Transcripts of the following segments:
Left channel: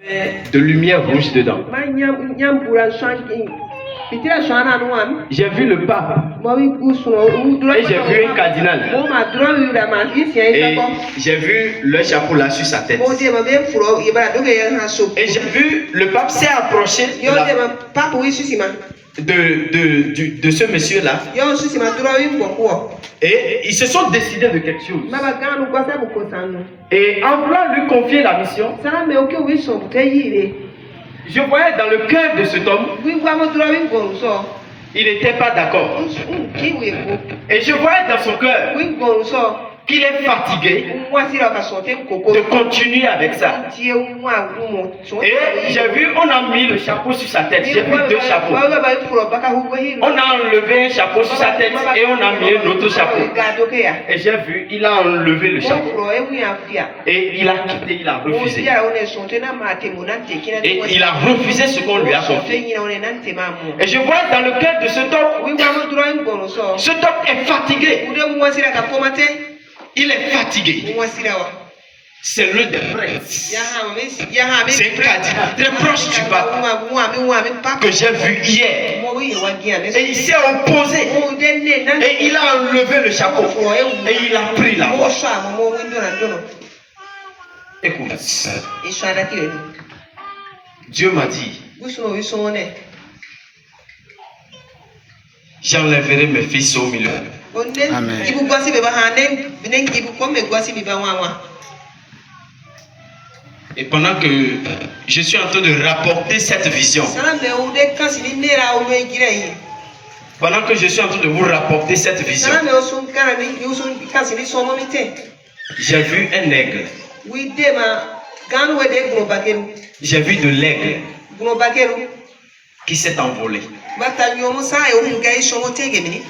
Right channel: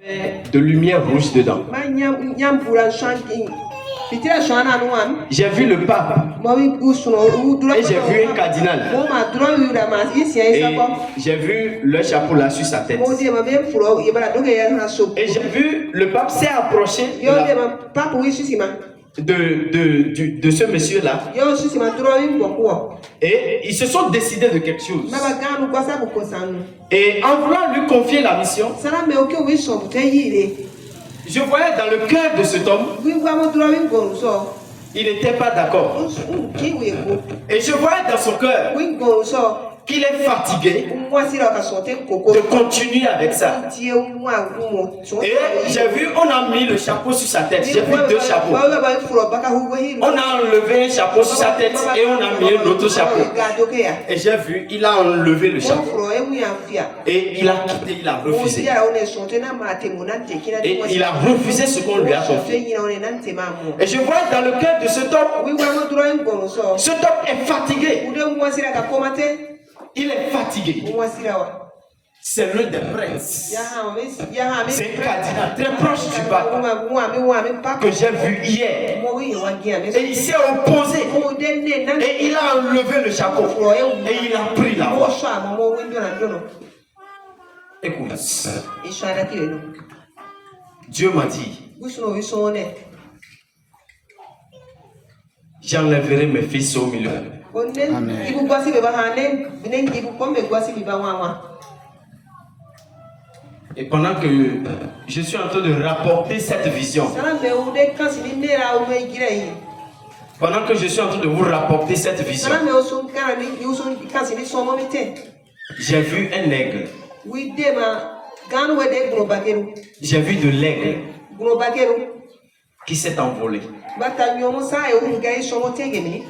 De lumière rouge dedans. J'ai vu le pape et j'ai vu un cardinal et j'ai vu le chapeau là sur sa tête et j'ai vu le pape s'est approché de ce monsieur là et ils se sont décidés de quelque chose et en voulant lui confier la mission, je voyais dans le cœur de cet homme, il n'était pas d'accord. Et je voyais dans son cœur qu'il est fatigué de continuer avec ça. Et j'ai vu, on a mis le chapeau sur sa tête. J'ai vu deux chapeaux. On a enlevé un chapeau sur sa tête et on a mis un autre chapeau. Et j'ai vu, il a enlevé le chapeau. Et il a quitté, il a refusé. Et il a refusé ce qu'on lui a confié. Et je vois dans le cœur de cet homme est fatigué. Il est fatigué. C'est l'un des prêtres. C'est un cardinal très proche du pape que j'ai vu hier. Et il s'est opposé. Et il a enlevé le chapeau. Et il a pris la voix. Écoute. Dieu m'a dit, j'enlèverai mes fils au milieu. Amen. Et pendant que je suis en train de rapporter cette vision, pendant que je suis en train de vous rapporter cette vision, j'ai vu un aigle. J'ai vu de l'aigle qui s'est envolé.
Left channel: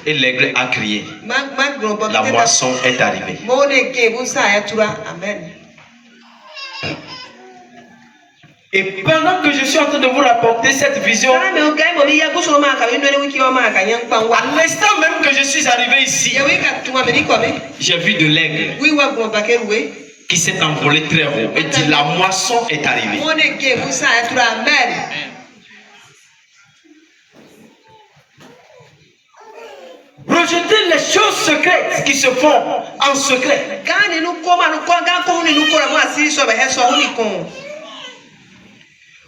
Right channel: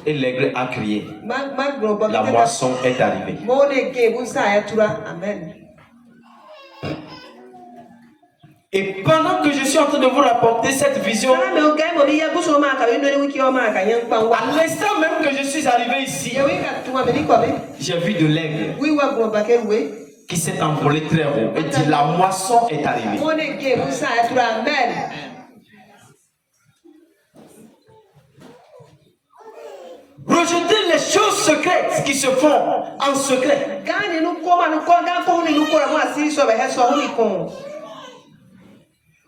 Et l'aigle a crié. La moisson est arrivée. Et pendant que je suis en train de vous rapporter cette vision, à l'instant même que je suis arrivé ici, j'ai vu de l'aigle qui s'est envolé très haut et dit la moisson est arrivée. Rejeter les choses secrètes qui se font en secret.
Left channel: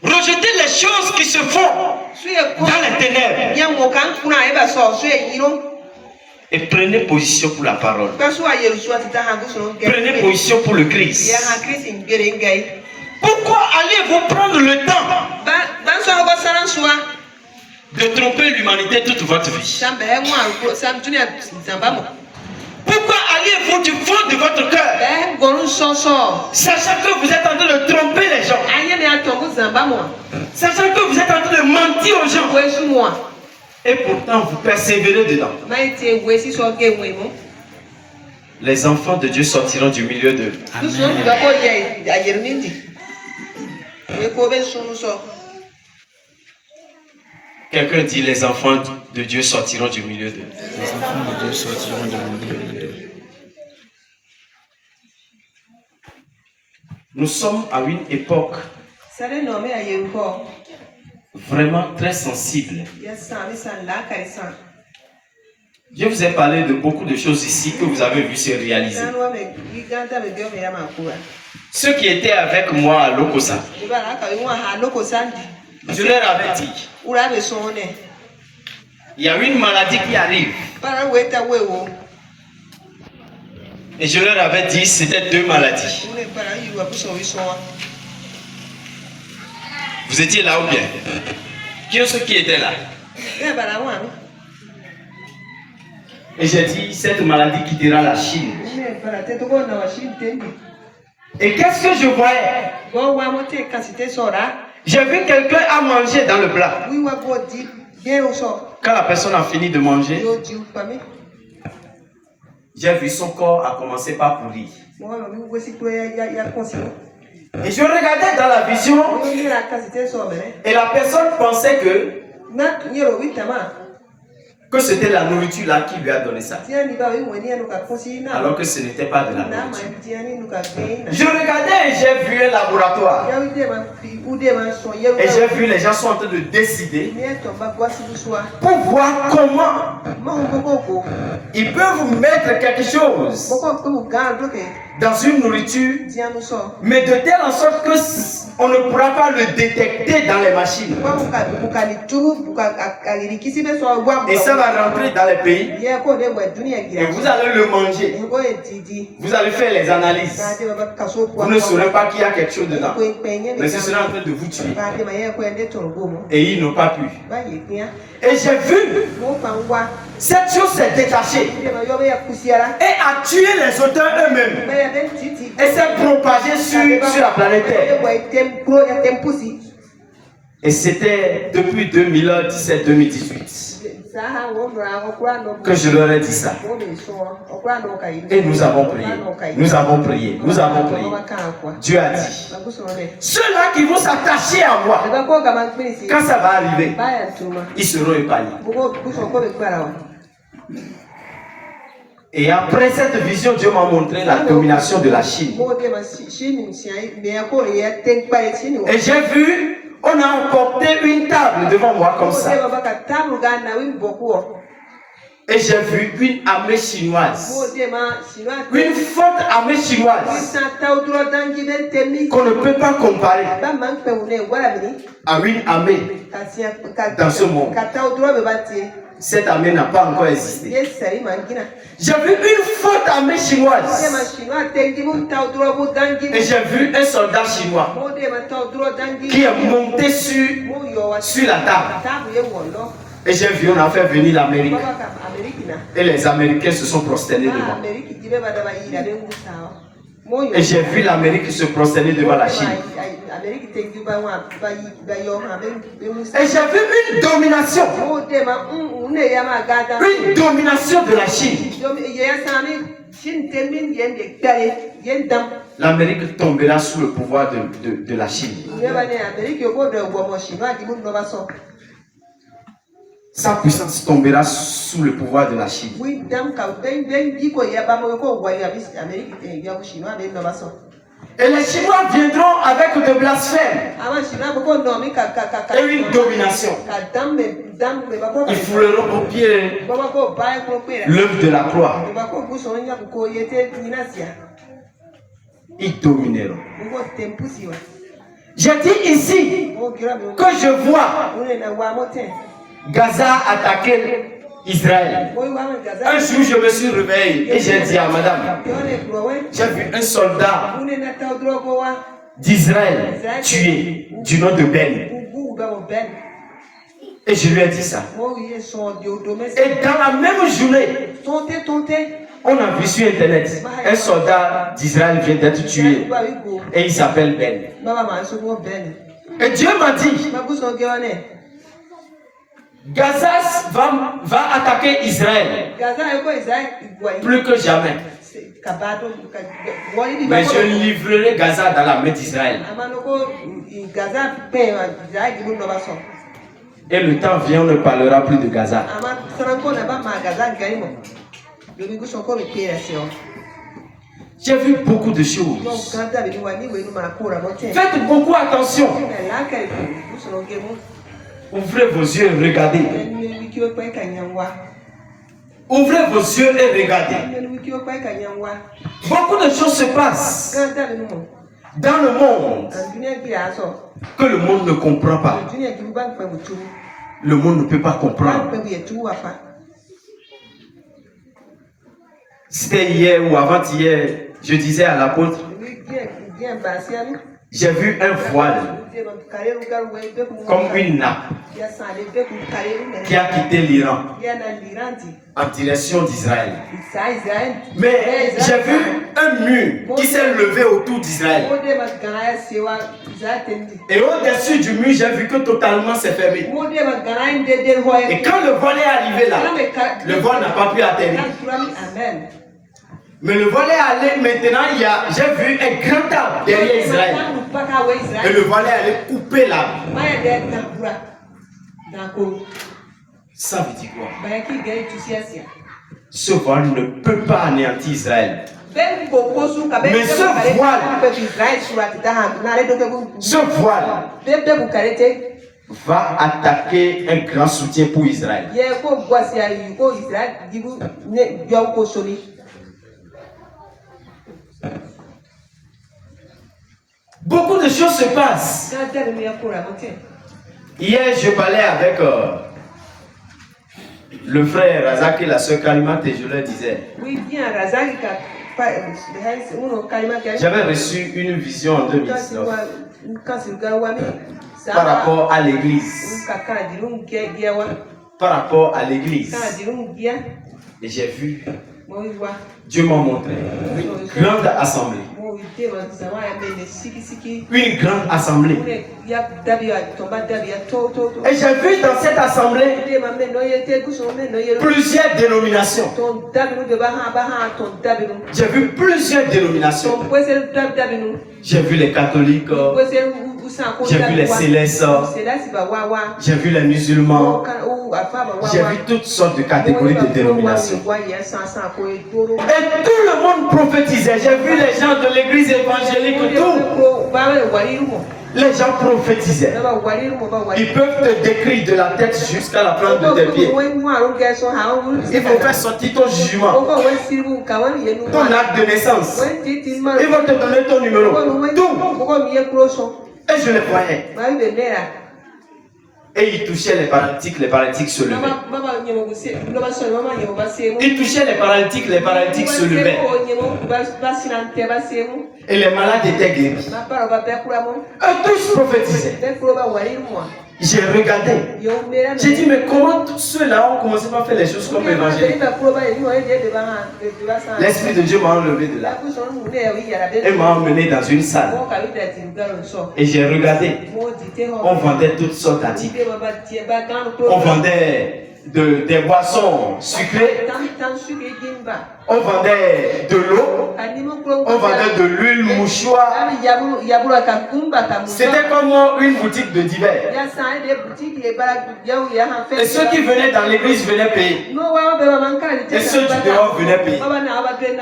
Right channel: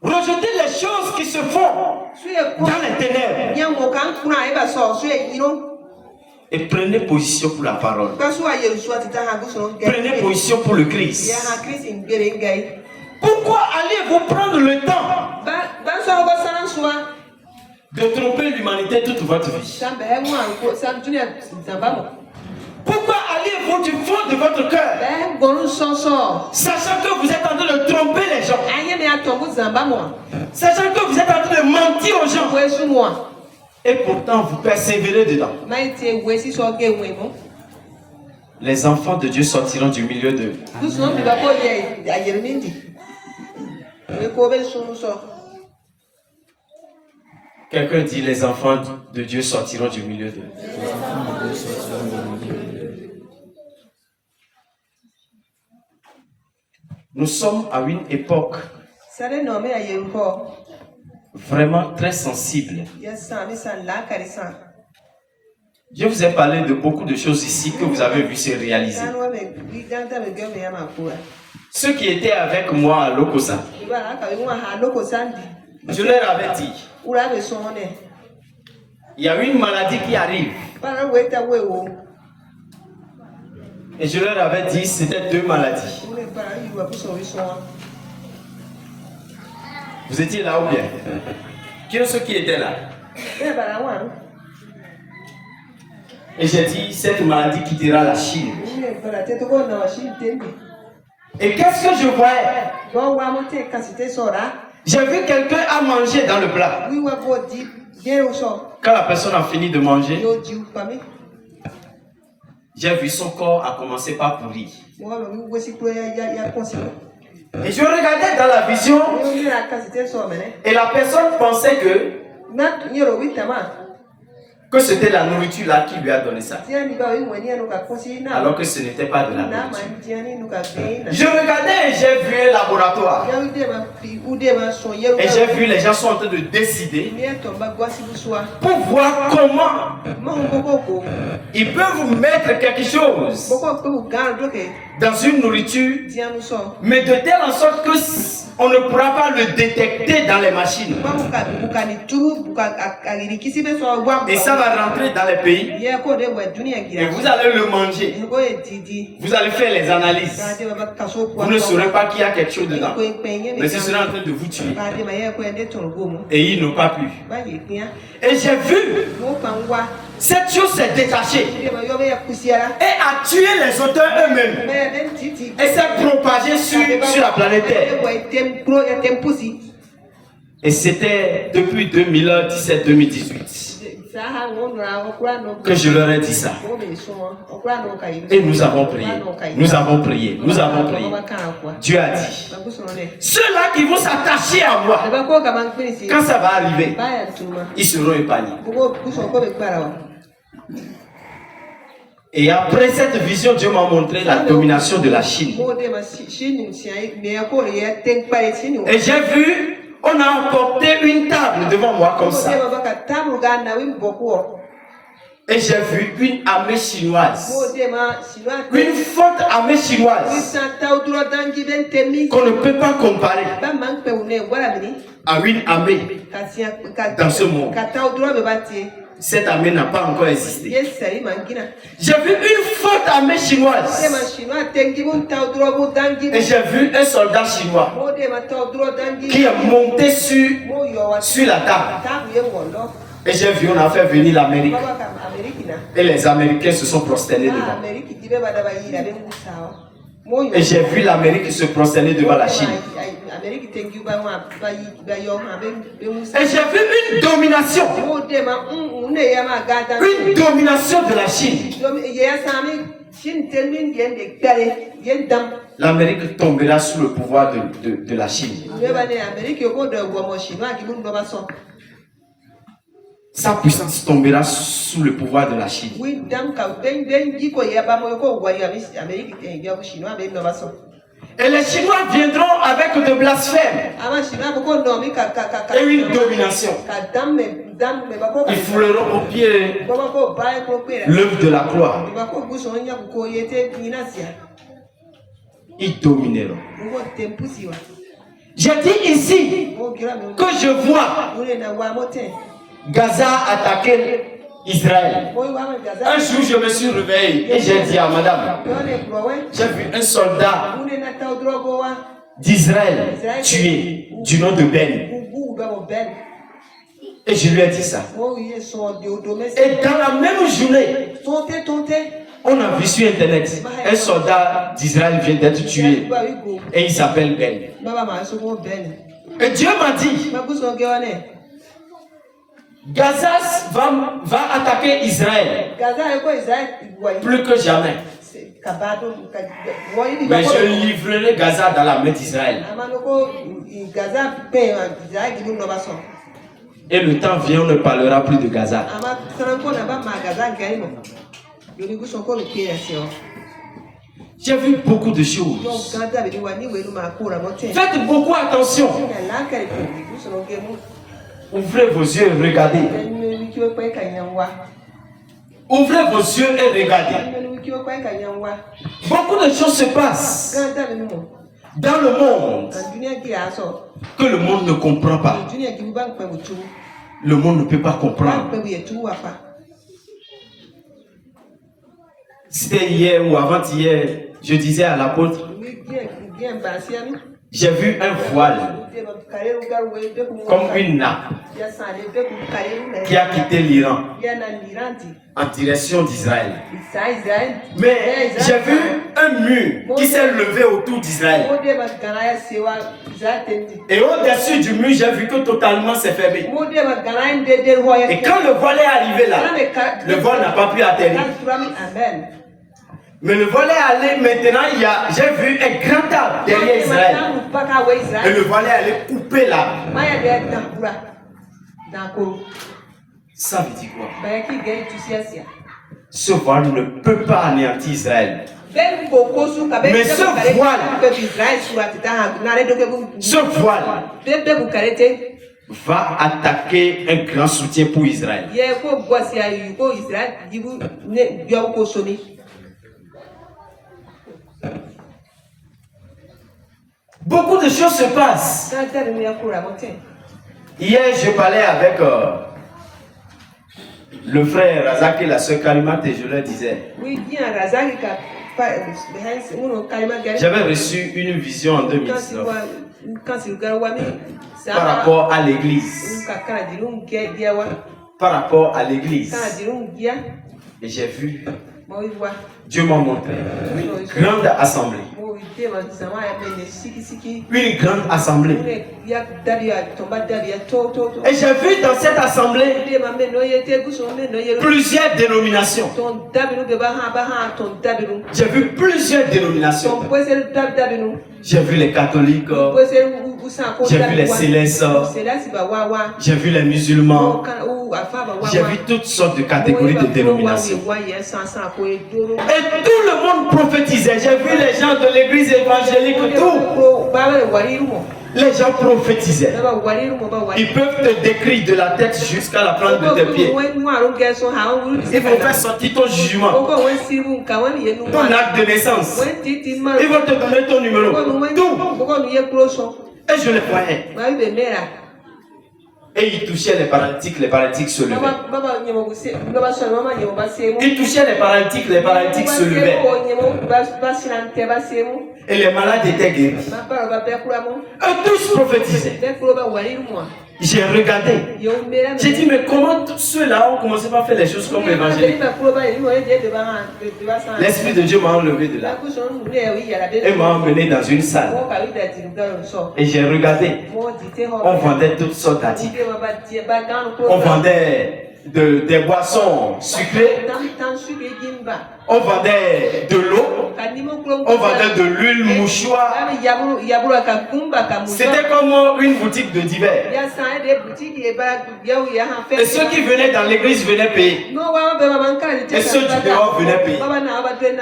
Rejeter les choses qui se font dans les ténèbres. Et prenez position pour la parole. Prenez position pour le Christ. Pourquoi allez-vous prendre le temps de tromper l'humanité toute votre vie? Pourquoi allez-vous du fond de votre cœur, sachant que vous êtes en train de tromper les gens, sachant que vous êtes en train de mentir aux gens, et pourtant vous persévérez dedans? Les enfants de Dieu sortiront du milieu d'eux. Quelqu'un dit les enfants de Dieu sortiront du milieu d'eux. Les enfants de Dieu sortiront du milieu d'eux. Nous sommes à une époque vraiment très sensible. Je vous ai parlé de beaucoup de choses ici que vous avez vu se réaliser. Ceux qui étaient avec moi à Lokosa, je leur avais dit, il y a une maladie qui arrive. Et je leur avais dit, c'était deux maladies. Vous étiez là ou bien? Qui est-ce qui était là? Et j'ai dit, cette maladie quittera la Chine. Et qu'est-ce que je voyais? J'ai vu quelqu'un à manger dans le plat. Quand la personne a fini de manger, j'ai vu son corps a commencé par pourrir. Et je regardais dans la vision et la personne pensait que que c'était la nourriture là qui lui a donné ça. Alors que ce n'était pas de la nourriture. Je regardais et j'ai vu un laboratoire. Et j'ai vu les gens sont en train de décider pour voir comment ils peuvent mettre quelque chose dans une nourriture, mais de telle en sorte que on ne pourra pas le détecter dans les machines. Et ça va rentrer dans les pays. Et vous allez le manger. Vous allez faire les analyses. Vous ne saurez pas qu'il y a quelque chose dedans. Mais ce sera en train de vous tuer. Et ils n'ont pas pu. Et j'ai vu, cette chose s'est détachée et a tué les auteurs eux-mêmes. Et s'est propagée sur la planète Terre. Et c'était depuis 2017-2018 que je leur ai dit ça. Et nous avons prié. Nous avons prié. Nous avons prié. Dieu a dit, ceux-là qui vont s'attacher à moi, quand ça va arriver, ils seront épargnés. Et après cette vision, Dieu m'a montré la domination de la Chine. Et j'ai vu, on a emporté une table devant moi comme ça. Et j'ai vu une armée chinoise. Une forte armée chinoise qu'on ne peut pas comparer à une armée dans ce monde. Cette armée n'a pas encore existé. J'ai vu une forte armée chinoise. Et j'ai vu un soldat chinois qui est monté sur la table. Et j'ai vu, on a fait venir l'Amérique. Et les Américains se sont prosternés devant. Et j'ai vu l'Amérique se prosterner devant la Chine. Et j'ai vu une domination. Une domination de la Chine. L'Amérique tombera sous le pouvoir de la Chine. Sa puissance tombera sous le pouvoir de la Chine. Et les Chinois viendront avec de blasphèmes et une domination. Ils fouleront au pied l'œuvre de la croix. Ils domineront. J'ai dit ici que je vois Gaza attaquer Israël. Un jour, je me suis réveillé et j'ai dit à madame, j'ai vu un soldat d'Israël tué du nom de Ben. Et je lui ai dit ça. Et dans la même journée, on a vu sur internet, un soldat d'Israël vient d'être tué. Et il s'appelle Ben. Et Dieu m'a dit, Gaza va attaquer Israël plus que jamais. Mais je livrerai Gaza dans la main d'Israël. Et le temps vient, on ne parlera plus de Gaza. J'ai vu beaucoup de choses. Faites beaucoup attention. Ouvrez vos yeux et regardez. Ouvrez vos yeux et regardez. Beaucoup de choses se passent dans le monde que le monde ne comprend pas. Le monde ne peut pas comprendre. C'était hier ou avant-hier, je disais à l'apôtre, j'ai vu un voile comme une nappe qui a quitté l'Iran en direction d'Israël. Mais j'ai vu un mur qui s'est levé autour d'Israël. Et au-dessus du mur, j'ai vu que totalement c'est fermé. Et quand le voile est arrivé là, le voile n'a pas pu atterrir. Mais le voile est allé, maintenant j'ai vu un grand arbre derrière Israël. Et le voile est allé couper l'arbre. Ça veut dire quoi? Ce voile ne peut pas anéantir Israël. Mais ce voile va attaquer un grand soutien pour Israël. Beaucoup de choses se passent. Hier, je parlais avec le frère Razak et la soeur Kalimat et je leur disais, j'avais reçu une vision en 2019 par rapport à l'église. Par rapport à l'église. Et j'ai vu, Dieu m'a montré une grande assemblée. Une grande assemblée. Et j'ai vu dans cette assemblée plusieurs dénominations. J'ai vu plusieurs dénominations. J'ai vu les catholiques. J'ai vu les célestes. J'ai vu les musulmans. J'ai vu toutes sortes de catégories de dénominations. Et tout le monde prophétisait. J'ai vu les gens de l'église évangélique, tout. Les gens prophétisaient. Ils peuvent te décrire de la tête jusqu'à la plante de tes pieds. Ils vont faire sortir ton jugement, ton acte de naissance. Ils vont te donner ton numéro. Tout. Et je les voyais. Et ils touchaient les paralytiques se levaient. Ils touchaient les paralytiques se levaient. Et les malades étaient guéris. Eux tous prophétisaient. J'ai regardé. J'ai dit, mais comment tous ceux-là ont commencé à faire les choses comme l'évangile? L'Esprit de Dieu m'a enlevé de là. Et m'a emmené dans une salle. Et j'ai regardé. On vendait toutes sortes d'articles. On vendait des boissons sucrées. On vendait de l'eau. On vendait de l'huile mouchoir. C'était comme une boutique de divers. Et ceux qui venaient dans l'église venaient payer. Et ceux du dehors venaient payer.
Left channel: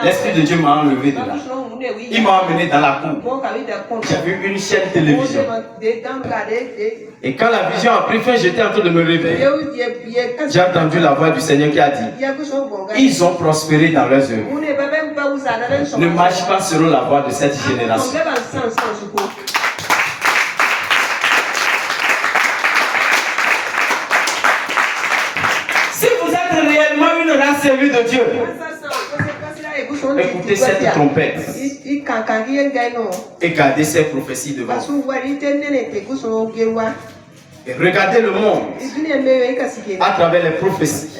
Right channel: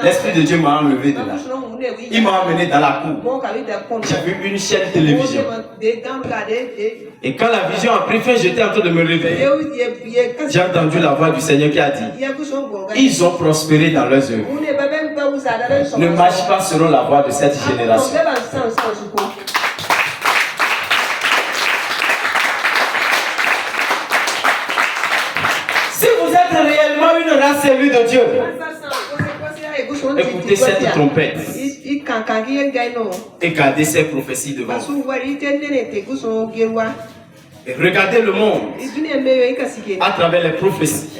L'Esprit de Dieu m'a enlevé de là. Il m'a emmené dans la cour. J'ai vu une chaîne télévision. Et quand la vision a pris fin, j'étais en train de me réveiller. J'ai entendu la voix du Seigneur qui a dit, ils ont prospéré dans leurs œuvres. Ne marche pas selon la voie de cette génération. Si vous êtes réellement une race élue de Dieu, écoutez cette trompette et gardez ces prophéties devant vous. Et regardez le monde à travers les prophéties.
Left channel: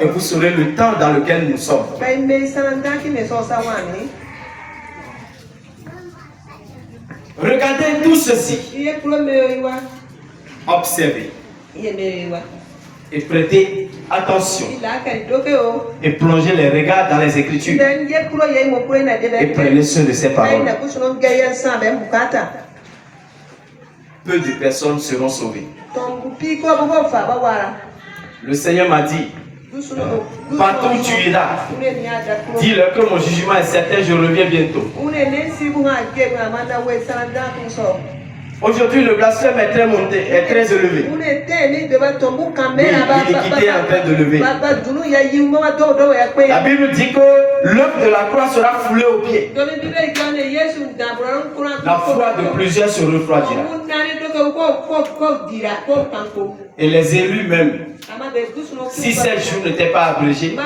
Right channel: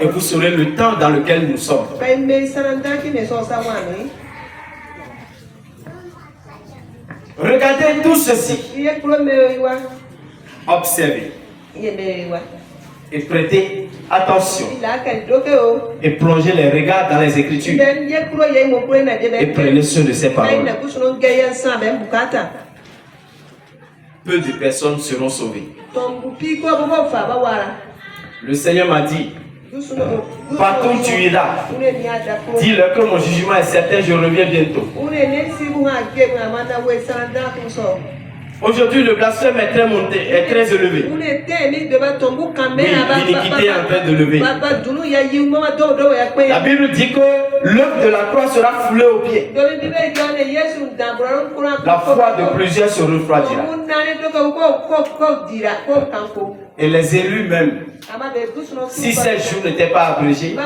Et vous saurez le temps dans lequel nous sommes. Regardez tout ceci. Observez. Et prêtez attention. Et plongez les regards dans les Écritures. Et prenez soin de ces paroles. Peu de personnes seront sauvées. Le Seigneur m'a dit, partout où tu iras, dis-leur que mon jugement est certain, je reviens bientôt. Aujourd'hui, le blasphème est très monté, est très élevé. Oui, l'iniquité est en train de lever. La Bible dit que l'œuvre de la croix sera foulée aux pieds. La foi de plusieurs se refroidira. Et les élus même, si ces jours n'étaient pas abrégés,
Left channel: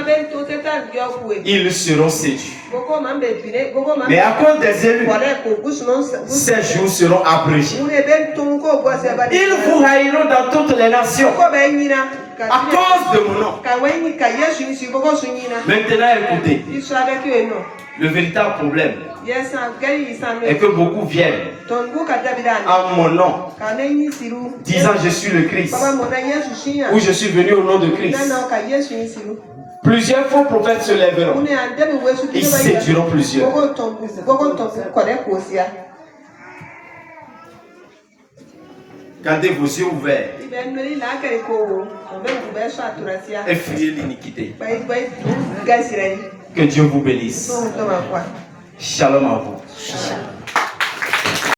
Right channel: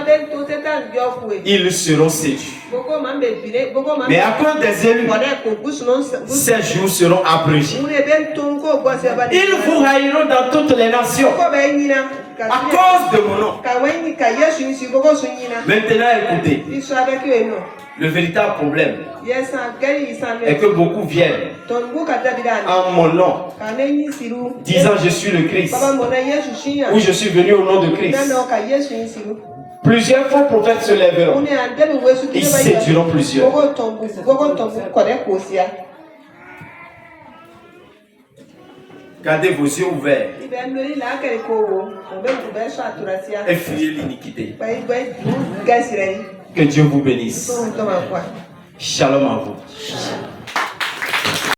ils seront séduits. Mais à cause des élus, ces jours seront abrégés. Ils vous haïront dans toutes les nations à cause de mon nom. Maintenant, écoutez, le véritable problème est que beaucoup viennent en mon nom, disant je suis le Christ, ou je suis venu au nom de Christ. Plusieurs faux prophètes se lèveront. Ils séduiront plusieurs. 1 Corinthiens Gardez vos yeux ouverts. Et fuyez l'iniquité. Que Dieu vous bénisse. Shalom à vous.